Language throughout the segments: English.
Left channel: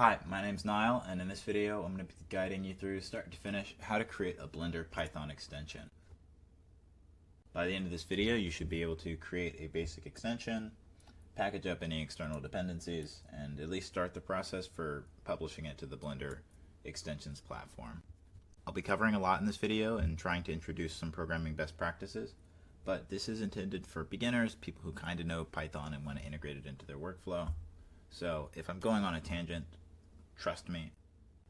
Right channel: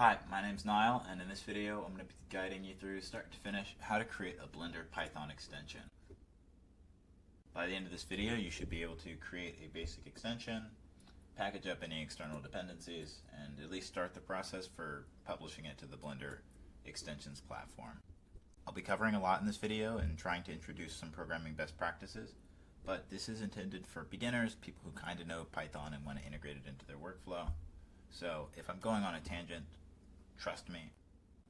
Hi, my name's Niall, and in this video I'm going to be guiding you through start to finish how to create a Blender Python extension. By the end of this video you should be able to create a basic extension, package up any external dependencies, and at least start the process for publishing it to the Blender extensions platform. I'll be covering a lot in this video and trying to introduce some programming best practices, but this is intended for beginners, people who kind of know Python and want to integrate it into their workflow. So if I'm going on a tangent, trust me,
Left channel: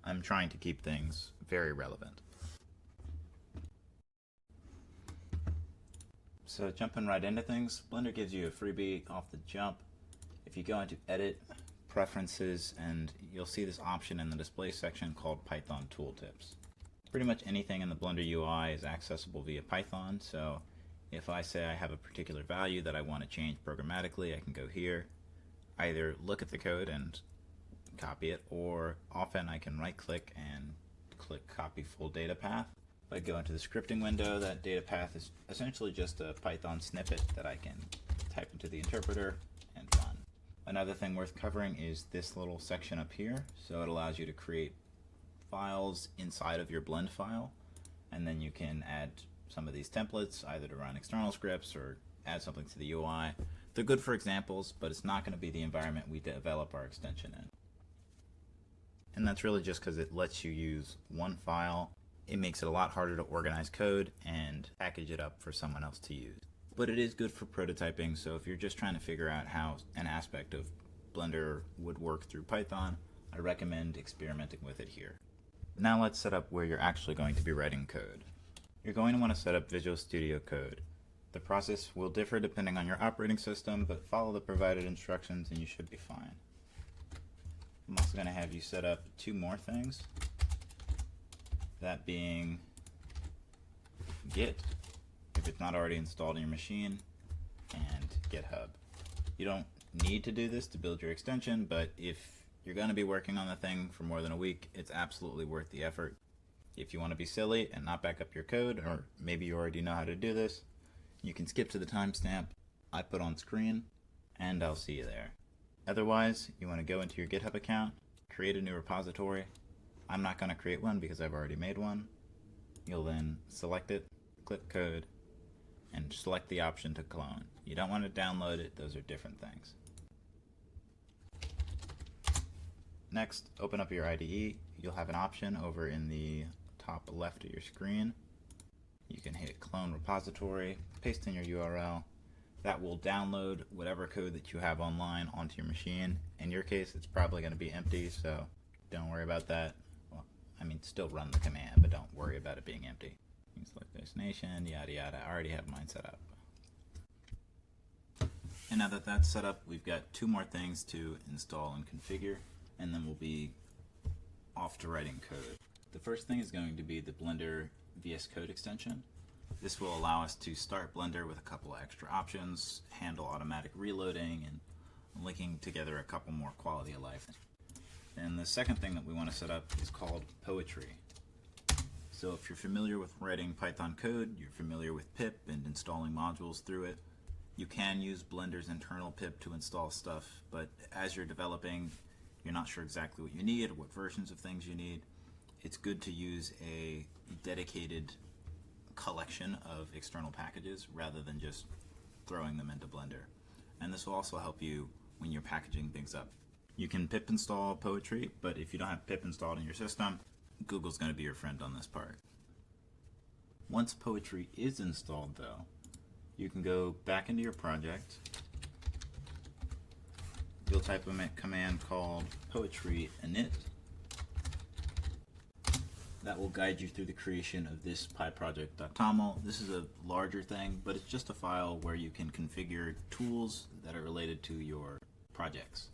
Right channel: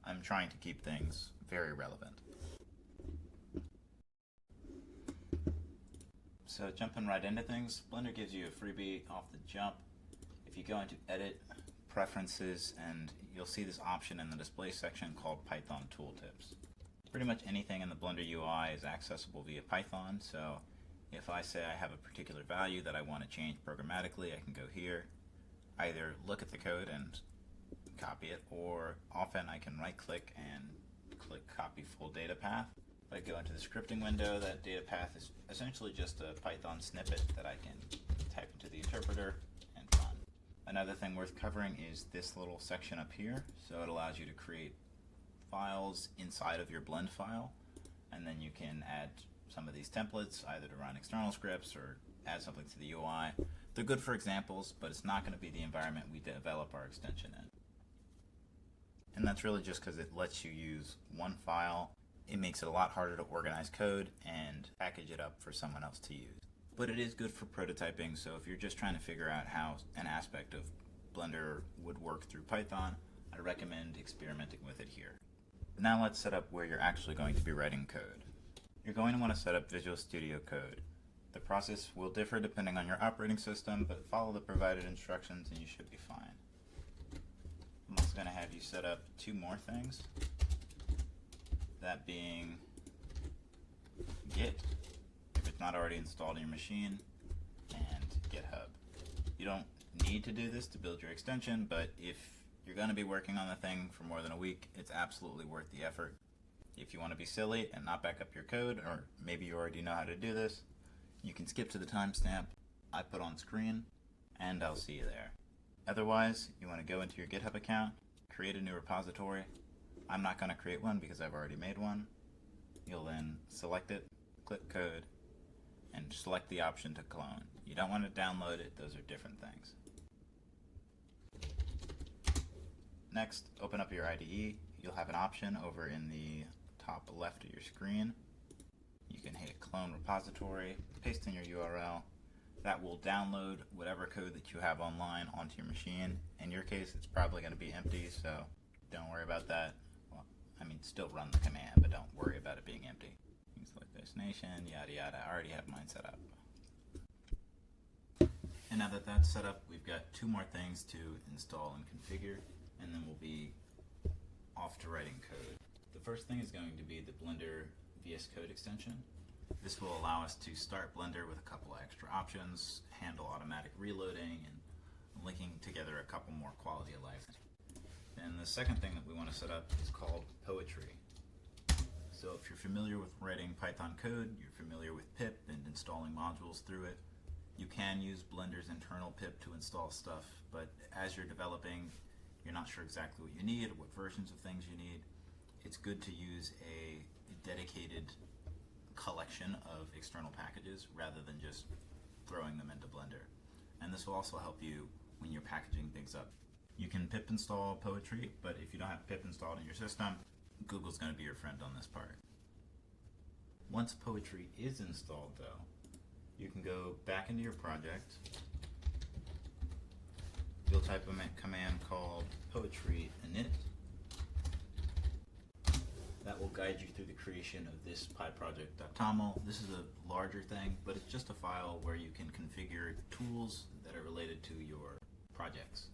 I'm trying to keep things very relevant. So jumping right into things, Blender gives you a freebie off the jump. If you go into Edit, Preferences, and you'll see this option in the display section called Python Tooltips. Pretty much anything in the Blender UI is accessible via Python, so if I say I have a particular value that I want to change programmatically, I can go here, either look at the code and copy it, or often I can right click and click copy full data path. If I go into the scripting window, that data path is essentially just a Python snippet that I can type into the interpreter and run. Another thing worth covering is this little section up here. So it allows you to create files inside of your blend file, and then you can add some of these templates either to run external scripts or add something to the UI. They're good for examples, but it's not going to be the environment we develop our extension in. And that's really just because it lets you use one file. It makes it a lot harder to organize code and package it up for someone else to use. But it is good for prototyping, so if you're just trying to figure out how an aspect of Blender would work through Python, I recommend experimenting with it here. Now let's set up where you're actually going to be writing code. You're going to want to set up Visual Studio Code. The process will differ depending on your operating system, but follow the provided instructions and you should be fine. I'm also going to have you set up two more things, that being Git, if it's not already installed in your machine, and GitHub. You don't need to do this to build your extension, but if you're going to be working on the thing for more than a week, it's absolutely worth the effort. If you want to be silly and not back up your code, or maybe you already know how to do this, you can skip to the timestamp I put on screen, and I'll see you there. Otherwise, you want to go into your GitHub account, create a new repository. I'm not going to create one because I've already made one. You'll then select it, click code, and select the option to clone. You don't want to download it, those are different things. Next, open up your IDE. You'll have an option over in the top left of your screen. You can hit clone repository, paste in your URL. That will download whatever code that you have online onto your machine. In your case, it's probably going to be empty, so don't worry about that. Well, I mean, still run the command, but don't worry about it being empty. You can select destination, yada yada. I already have mine set up. And now that that's set up, we've got two more things to install and configure, and then we'll be off to writing code. The first thing is going to be the Blender VS Code extension. This will allow us to start Blender with a couple of extra options, handle automatic reloading, and linking together a couple more quality of life. And the second thing that we want to set up is called Poetry. So if you're familiar with writing Python code, you're familiar with pip and installing modules through it, you can use Blender's internal pip to install stuff, but as you're developing, you're not sure exactly what you need or what versions of things you need. It's good to use a dedicated collection of external packages rather than just throwing them into Blender. And this will also help you when you're packaging things up. You can pip install Poetry, but if you don't have pip installed in your system, Google's going to be your friend on this part. Once Poetry is installed though, you can go back into your project. You'll type a command called poetry init. That will guide you through the creation of this pyproject.toml. This is a larger thing, but it's just a file where you can configure tools that are related to your projects.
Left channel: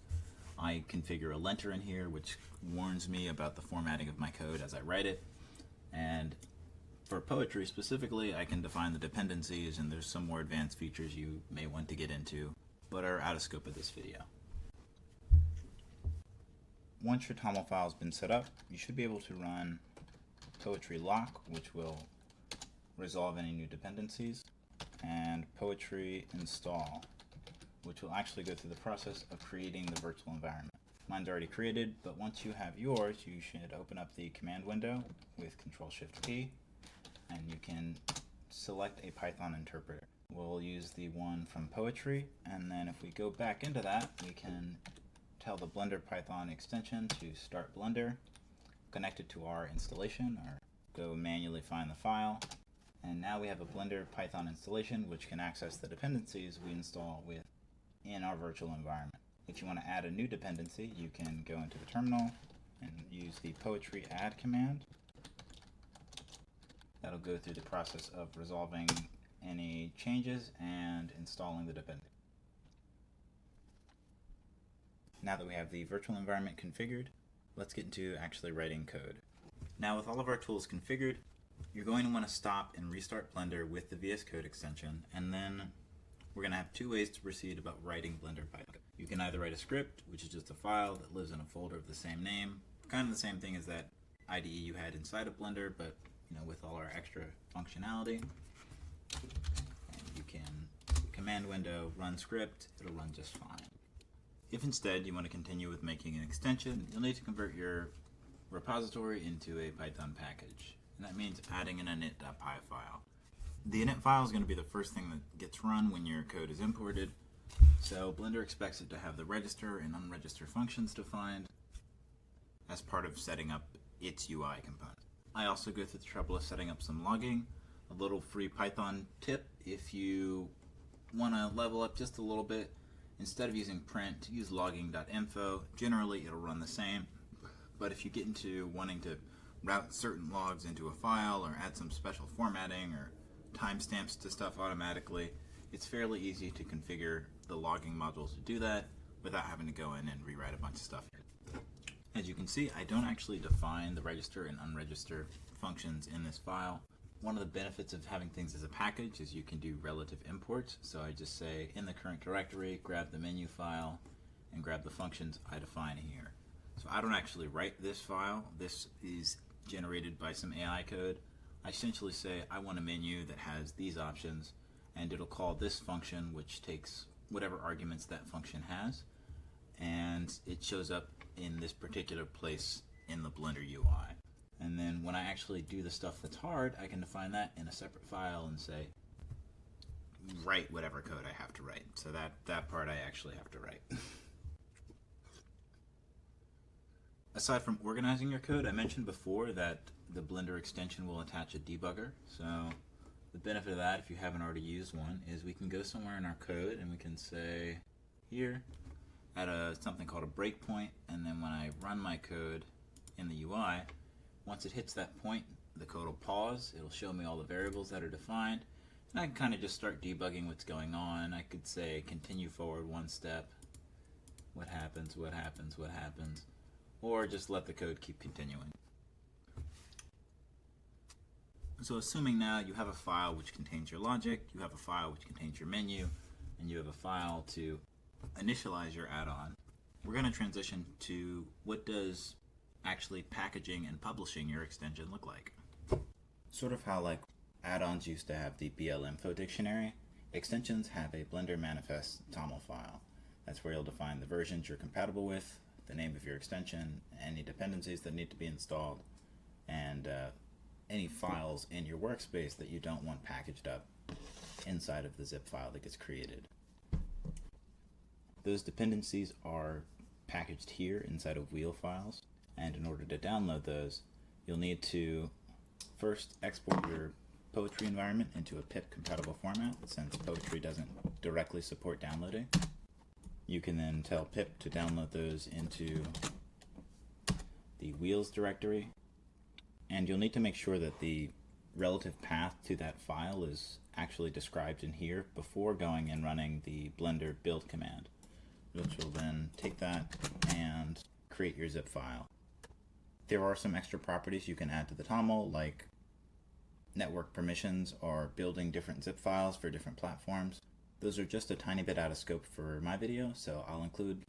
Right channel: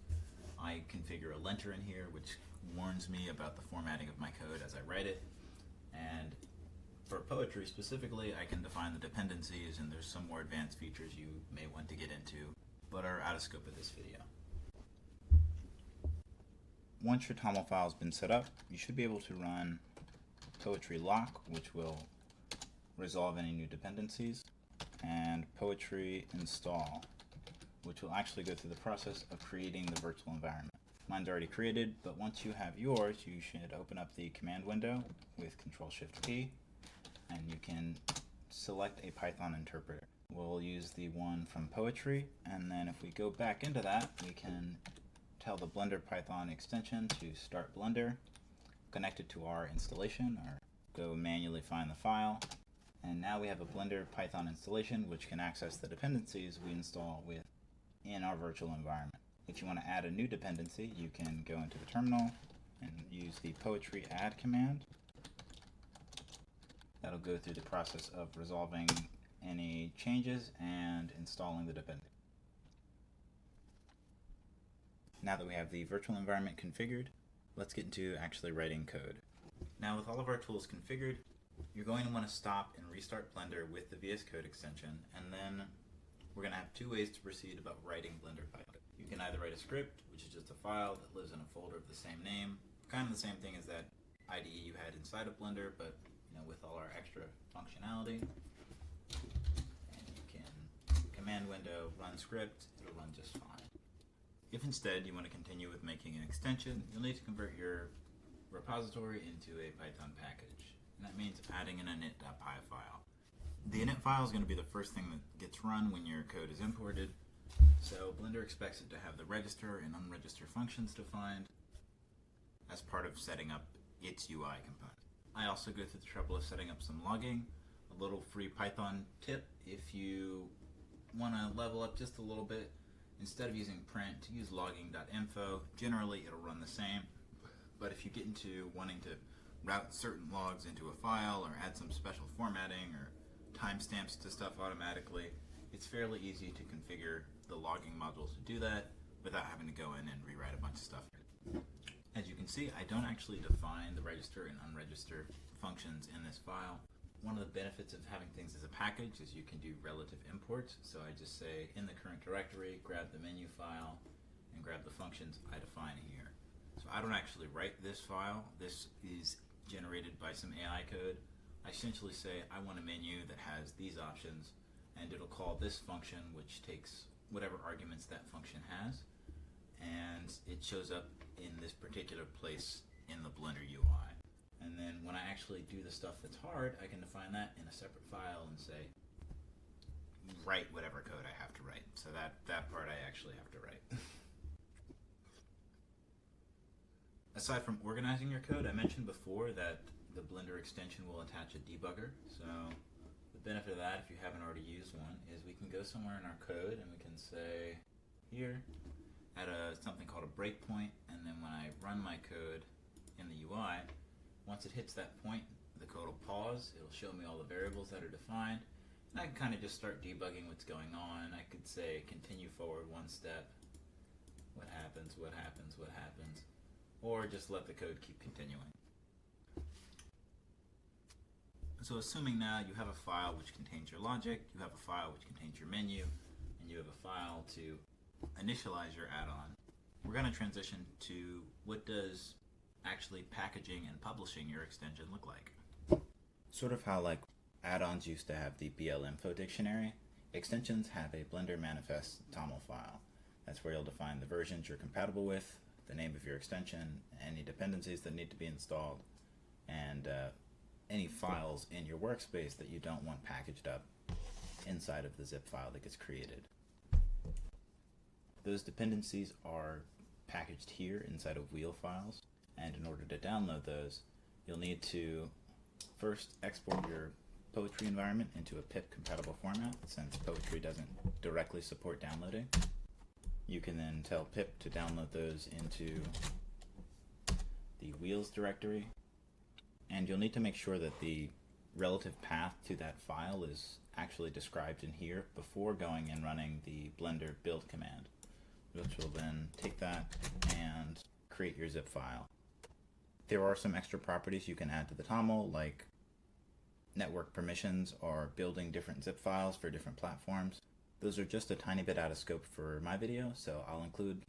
I configure a linter in here, which warns me about the formatting of my code as I write it. And for Poetry specifically, I can define the dependencies, and there's some more advanced features you may want to get into, but are out of scope of this video. Once your TOML file has been set up, you should be able to run Poetry lock, which will resolve any new dependencies, and Poetry install, which will actually go through the process of creating the virtual environment. Mine's already created, but once you have yours, you should open up the command window with Control-Shift-P, and you can select a Python interpreter. We'll use the one from Poetry, and then if we go back into that, we can tell the Blender Python extension to start Blender, connect it to our installation, or go manually find the file. And now we have a Blender Python installation which can access the dependencies we install in our virtual environment. If you want to add a new dependency, you can go into the terminal and use the Poetry add command. That'll go through the process of resolving any changes and installing the dependency. Now that we have the virtual environment configured, let's get into actually writing code. Now with all of our tools configured, you're going to want to stop and restart Blender with the VS Code extension, and then we're going to have two ways to proceed about writing Blender Python. You can either write a script, which is just a file that lives in a folder of the same name, kind of the same thing as that IDE you had inside of Blender, but with all our extra functionality. And you can command window, run script, it'll run just fine. If instead you want to continue with making an extension, you'll need to convert your repository into a Python package. And that means adding an init.py file. The init file is going to be the first thing that gets run when your code is imported. So Blender expects it to have the register and unregister functions defined as part of setting up its UI component. I also go through the trouble of setting up some logging, a little free Python tip. If you want to level up just a little bit, instead of using print, use logging.info. Generally it'll run the same, but if you get into wanting to route certain logs into a file or add some special formatting or timestamps to stuff automatically, it's fairly easy to configure the logging modules to do that without having to go in and rewrite a bunch of stuff. As you can see, I don't actually define the register and unregister functions in this file. One of the benefits of having things as a package is you can do relative imports. So I just say in the current directory, grab the menu file and grab the functions I define here. So I don't actually write this file. This is generated by some AI code. I essentially say I want a menu that has these options, and it'll call this function, which takes whatever arguments that function has, and it shows up in this particular place in the Blender UI. And then when I actually do the stuff that's hard, I can define that in a separate file and say, write whatever code I have to write. So that part I actually have to write. Aside from organizing your code, I mentioned before that the Blender extension will attach a debugger. So the benefit of that, if you haven't already used one, is we can go somewhere in our code and we can say here, at something called a breakpoint, and then when I run my code in the UI, once it hits that point, the code will pause, it'll show me all the variables that are defined, and I can kind of just start debugging what's going on. I could say continue forward one step, what happens, what happens, what happens, or just let the code keep continuing. So assuming now you have a file which contains your logic, you have a file which contains your menu, and you have a file to initialize your add-on, we're going to transition to what does actually packaging and publishing your extension look like. Sort of how like add-ons used to have the BL-info dictionary, extensions have a Blender manifest TOML file. That's where you'll define the versions you're compatible with, the name of your extension, any dependencies that need to be installed, and any files in your workspace that you don't want packaged up inside of the zip file that gets created. Those dependencies are packaged here inside of wheel files, and in order to download those, you'll need to first export your Poetry environment into a pip compatible format, since Poetry doesn't directly support downloading. You can then tell pip to download those into the wheels directory, and you'll need to make sure that the relative path to that file is actually described in here before going and running the Blender build command, which will then take that and create your zip file. There are some extra properties you can add to the TOML, like network permissions or building different zip files for different platforms. Those are just a tiny bit out of scope for my video, so I'll include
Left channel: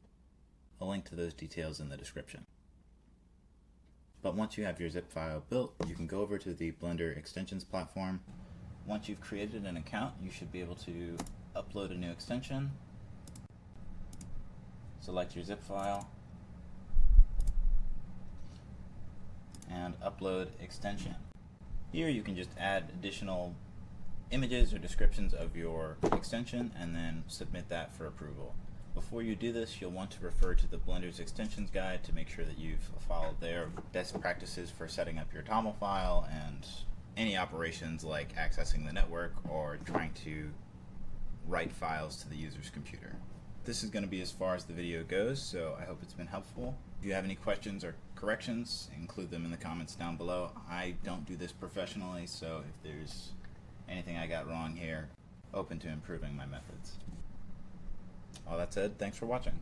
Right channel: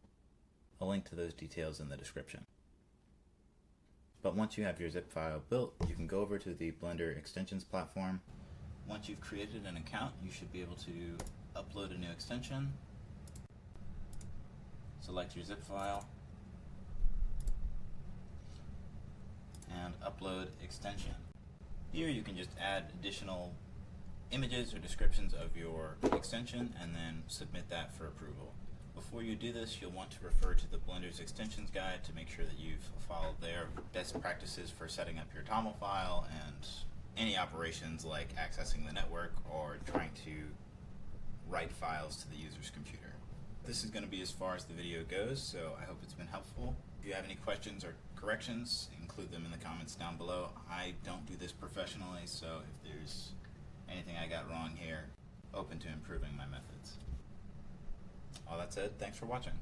a link to those details in the description. But once you have your zip file built, you can go over to the Blender extensions platform. Once you've created an account, you should be able to upload a new extension, select your zip file, and upload extension. Here you can just add additional images or descriptions of your extension and then submit that for approval. Before you do this, you'll want to refer to the Blender's extensions guide to make sure that you've followed their best practices for setting up your TOML file and any operations like accessing the network or trying to write files to the user's computer. This is going to be as far as the video goes, so I hope it's been helpful. If you have any questions or corrections, include them in the comments down below. I don't do this professionally, so if there's anything I got wrong here, open to improving my methods. All that said, thanks for watching.